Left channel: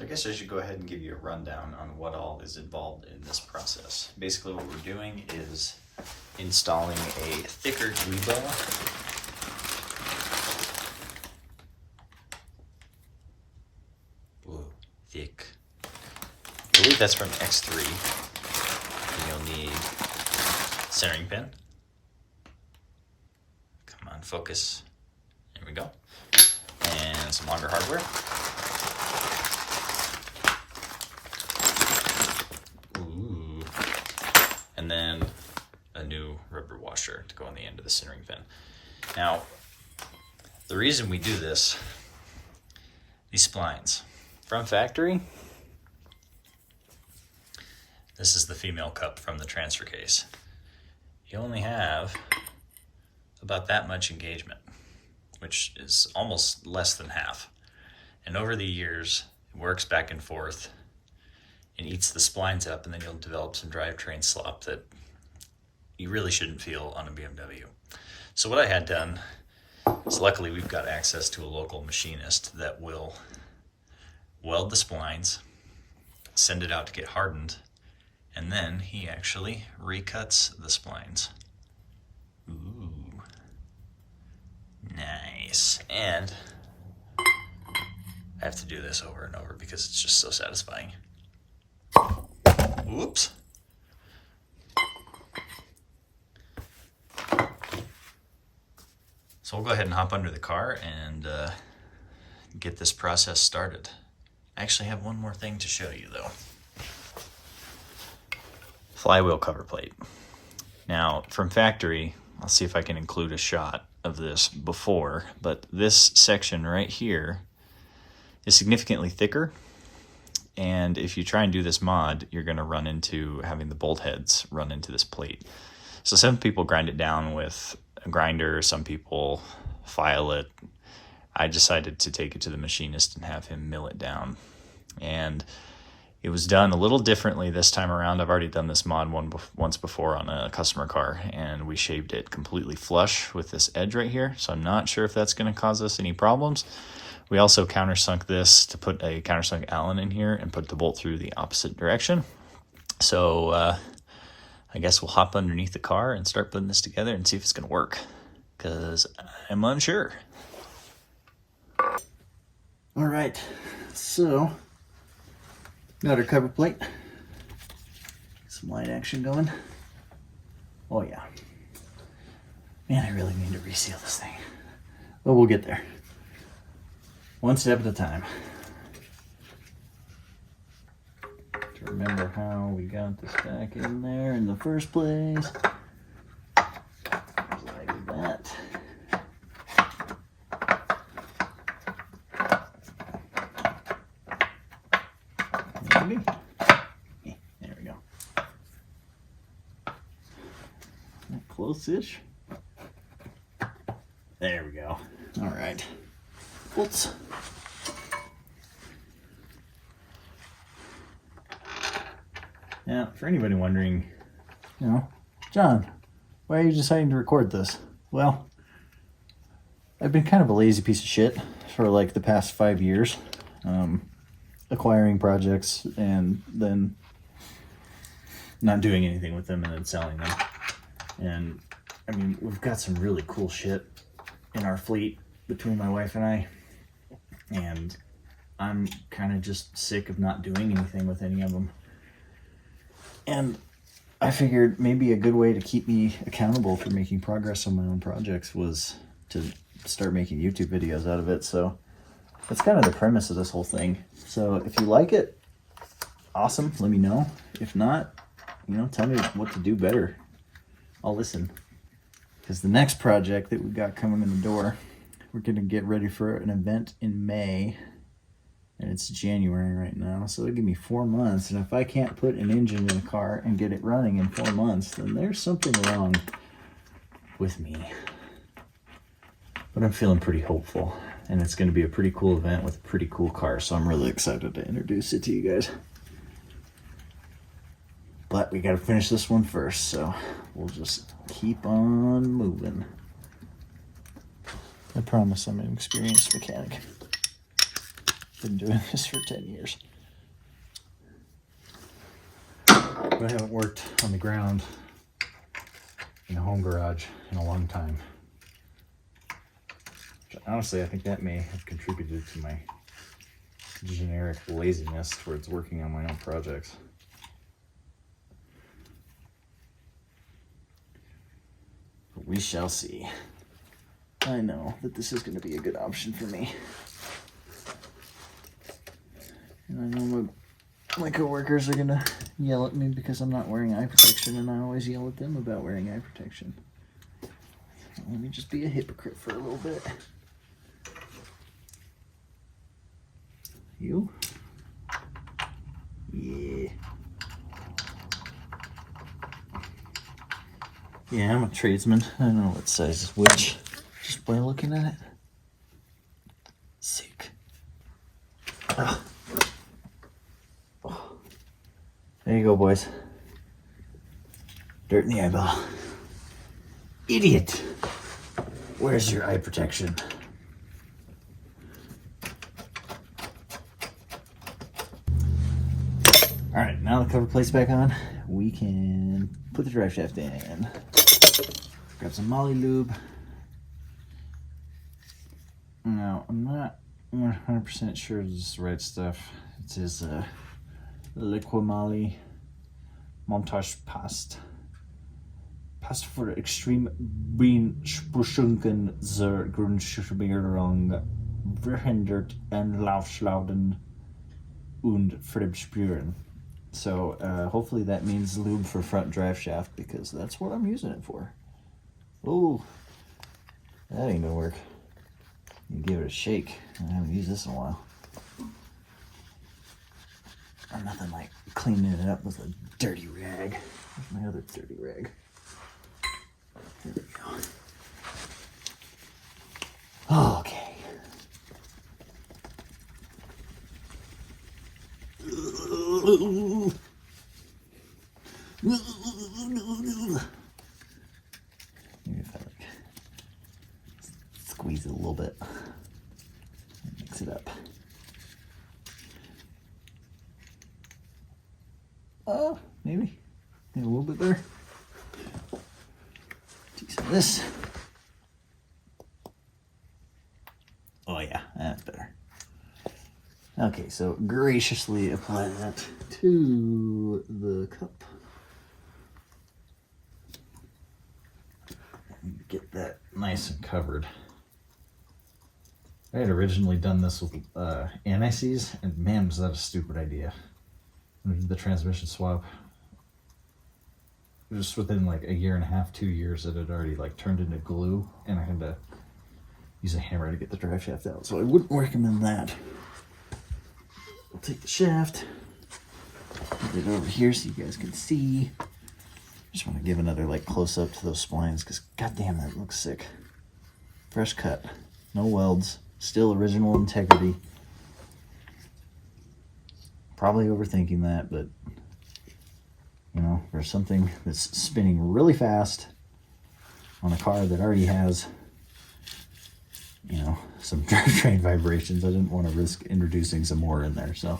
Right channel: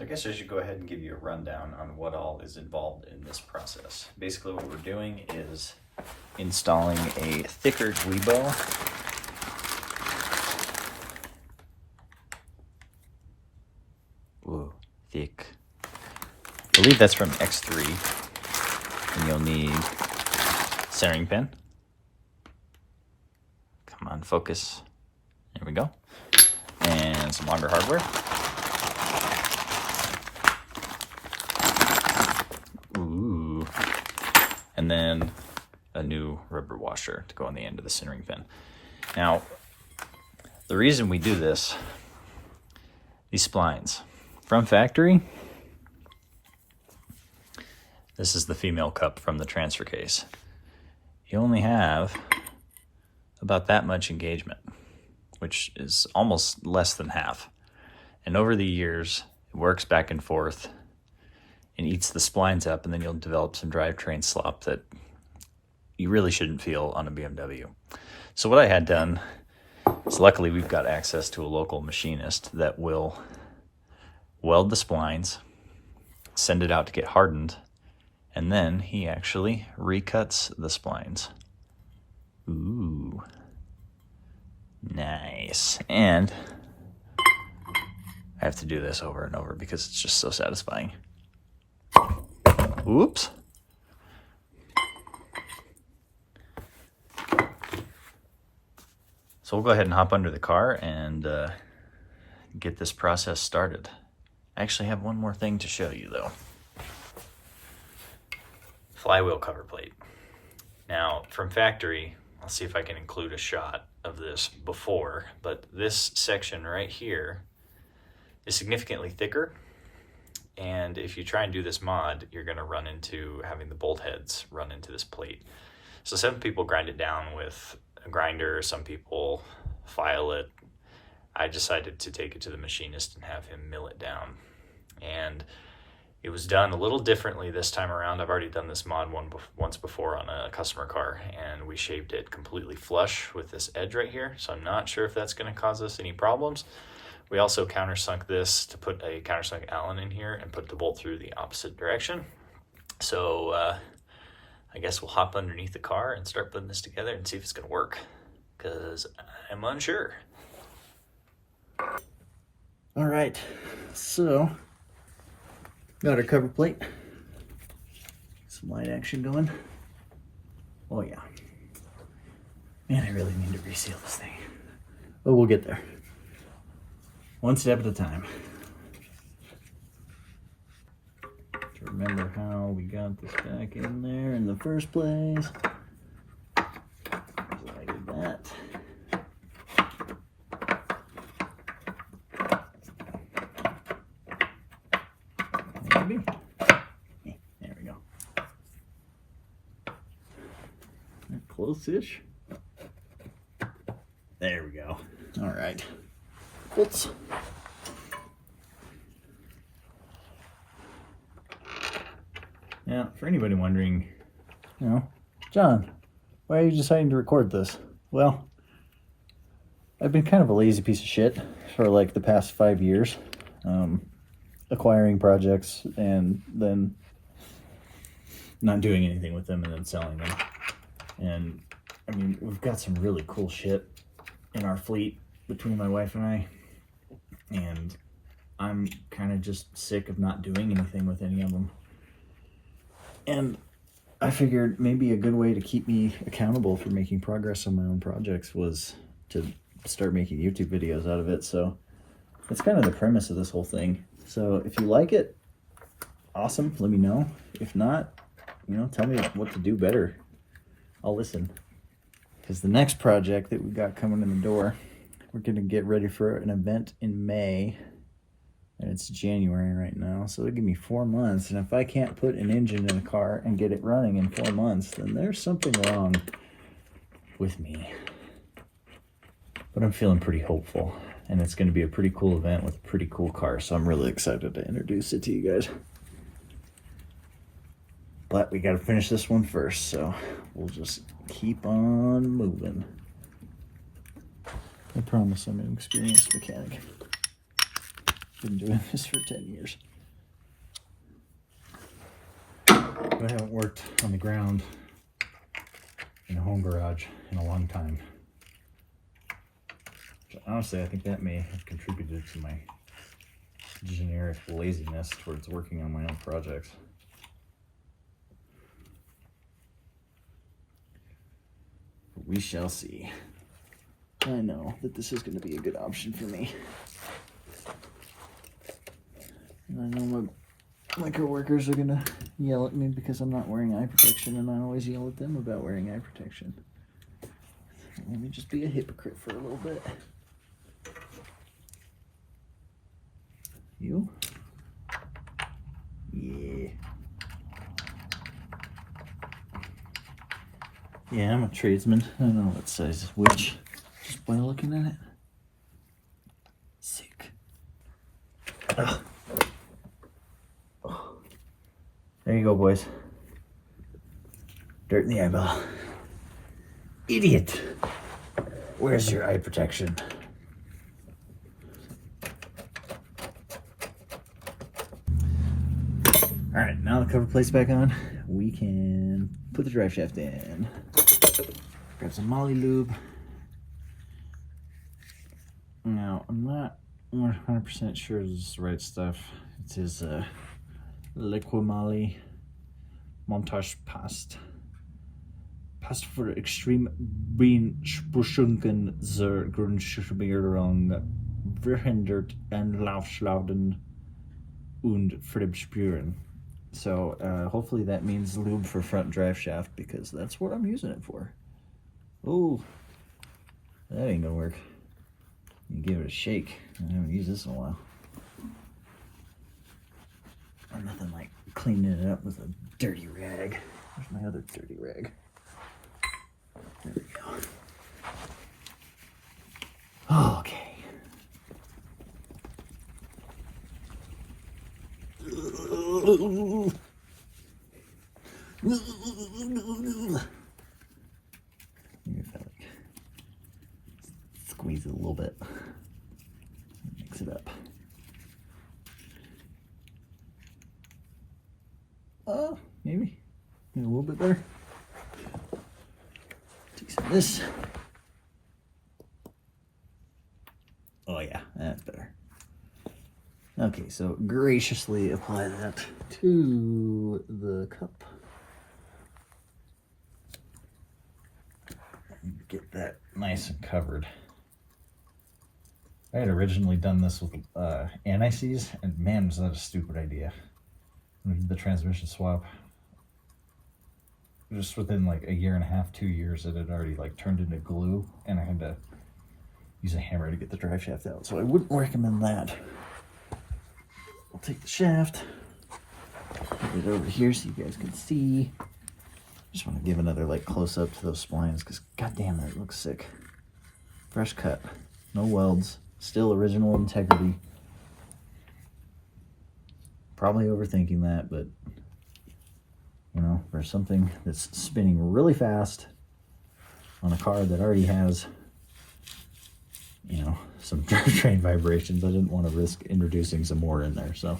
So I guess I should go ahead and give you a rundown on what all is involved in this process. Basically what we're doing is installing a thicker Guibo. Whoa, thick. I believe that's from X3. And you'll need centering pin. Come on, focus. There we go. And some longer hardware. Ooh. And then a new rubber washer to go on the end of the centering pin. Now, the reason we do this, these splines from factory, this is the female cup from the transfer case. You only have about that much engagement, which is almost less than half. And over the years, it works back and forth and eats the splines up, and then you'll develop some drivetrain slop that you really shouldn't feel on a BMW. So what I had done is, luckily we've got access to a local machinist that will weld the splines, send it out to get hardened, and then he actually recuts the splines. Ooh, nice. And I have to do this over and over because it's just so satisfying. Whoops. So we'll go ahead and hop under the car and get this process started. I actually have one more thing to show you though. Flywheel cover plate. Now from factory, I'll see if I can include a shot of this before, but this section right here is significantly thicker. And if you try and do this mod, you're gonna run into having the bolt heads run into this plate. So some people grind it down with a grinder, some people file it. I decided to take it to the machinist and have him mill it down. And it was done a little differently this time around. I've already done this mod once before on a customer car, and we shaved it completely flush with this edge right here. So I'm not sure if that's gonna cause us any problems. We also countersunk this to put a countersunk Allen in here and put the bolt through the opposite direction. So I guess we'll hop underneath the car and start putting this together and see if it's gonna work, because I'm unsure. All right, so got our cover plate. Some light action going. Oh yeah. Man, I really need to reseal this thing. But we'll get there. One step at a time. To remember how we got this back in there in the first place. Like that. Maybe. There we go. Close-ish. There we go. All right. Whoops. Now, for anybody wondering, John, why are you deciding to record this? Well, I've been kind of a lazy piece of shit for like the past 5 years, acquiring projects and then not doing anything with them and then selling them. And I mean, we've got some really cool shit in our fleet between my wife and I, and I'm kind of just sick of not doing anything with any of them. And I figured maybe a good way to keep me accountable for making progress on my own projects was to start making YouTube videos out of it. So that's kind of the premise of this whole thing. So if you like it, awesome, let me know. If not, tell me what to do better. I'll listen. Because the next project that we've got coming in the door, we're going to get ready for an event in May. And it's January right now, so it'll give me 4 months. And if I can't put an engine in a car and get it running in 4 months, then there's something wrong with me. But I'm feeling pretty hopeful. And it's going to be a pretty cool event with a pretty cool car, so I'm really excited to introduce it to you guys. But we got to finish this one first, so we'll just keep on moving. I promise I'm an experienced mechanic. Been doing this for 10 years. But I haven't worked on the ground in a home garage in a long time. Honestly, I think that may have contributed to my generic laziness towards working on my own projects. But we shall see. I know that this is going to be a good option for me. And I know my coworkers are going to yell at me because I'm not wearing eye protection, and I always yell at them about wearing eye protection. Let me just be a hypocrite for a little bit. You? Yeah. Yeah, I'm a tradesman. I know what size is which. Just by looking at it. Sick. Oh. Oh. There you go, boys. Dirt in the eyeball. Idiot. Where's your eye protection? All right, now the cover plate's back on. We can put the drive shaft in. Grab some Molly lube. Now, I'm not 100% sure this is the right stuff. It is Liquimali Montage Past. Past für extrem beanspruchungen zur Grundschubierung verhindert en Laufschlauden und Fremdspüren. So hopefully that means lube for front drive shaft, because that's what I'm using it for. Oh, that ain't gonna work. You give it a shake. I haven't used this in a while. Or nothing like cleaning it up with a dirty rag. Where's my other dirty rag? There we go. Okay. Maybe if I like squeeze it a little bit, mix it up. Maybe a little bit there. Take some of this. Oh yeah, that's better. Okay, so graciously apply that to the cup. And get that nice and covered. I had originally done this with anti-seize, and man, was that a stupid idea. When we did the transmission swap, just within like a year and a half, 2 years, it had already like turned into glue, and I had to use a hammer to get the drive shaft out. So I wouldn't recommend that. I'll take the shaft, get it over here so you guys can see. Just want to give another like close up to those splines, because goddamn, that looks sick. Fresh cut, no welds, still original integrity. Probably overthinking that, but you know, for something that's spinning really fast on a car that already has, you know, some drivetrain vibrations, I didn't want to risk introducing some more in there. So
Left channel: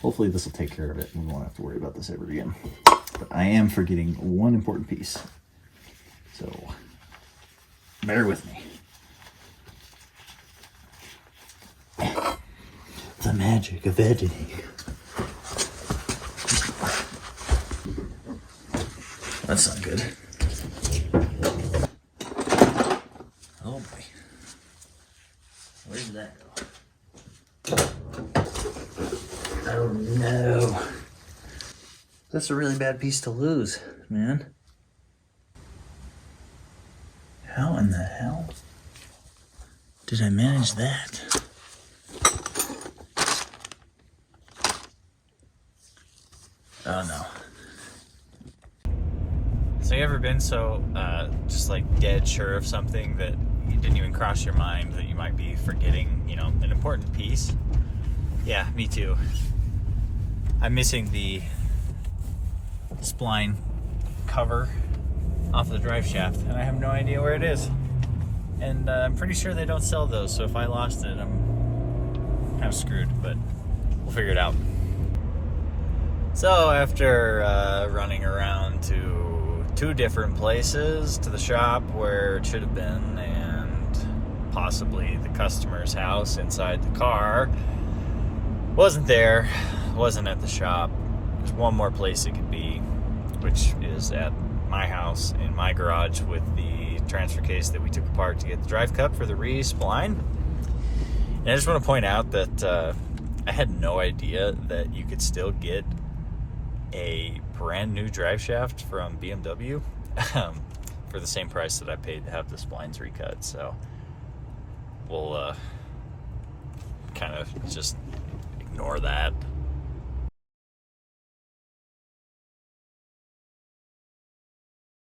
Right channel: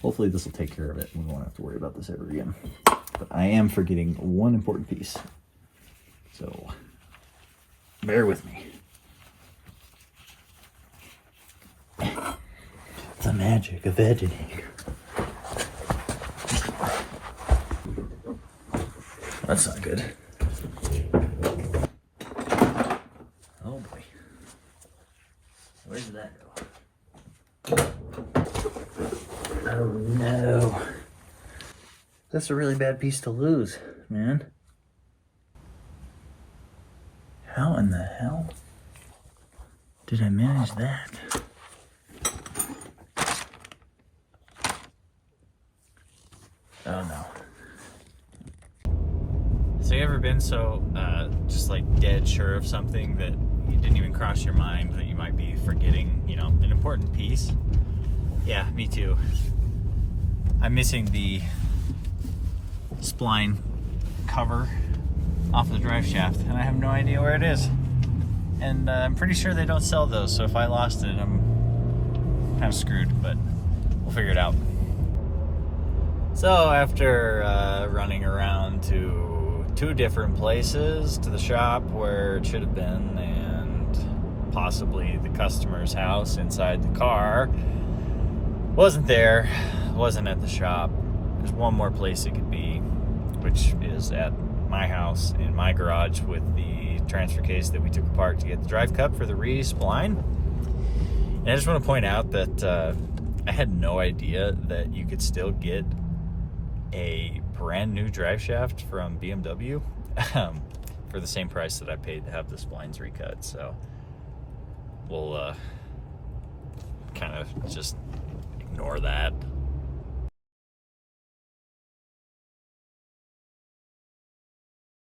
hopefully this will take care of it and we won't have to worry about this ever again. But I am forgetting one important piece, so bear with me. The magic of editing. That's not good. Oh boy. Where did that go? Oh no. That's a really bad piece to lose, man. How in the hell did I manage that? Oh no. So you ever been so just like dead sure of something that you didn't even cross your mind that you might be forgetting, you know, an important piece? Yeah, me too. I'm missing the spline cover off the drive shaft, and I have no idea where it is. And I'm pretty sure they don't sell those, so if I lost it, I'm kind of screwed, but we'll figure it out. So after running around to 2 different places, to the shop where it should have been and possibly the customer's house inside the car, wasn't there, wasn't at the shop. There's one more place it could be, which is at my house in my garage with the transfer case that we took apart to get the drive cup for the re-spline. And I just want to point out that I had no idea that you could still get a brand new drive shaft from BMW for the same price that I paid to have the splines recut. So we'll kind of just ignore that.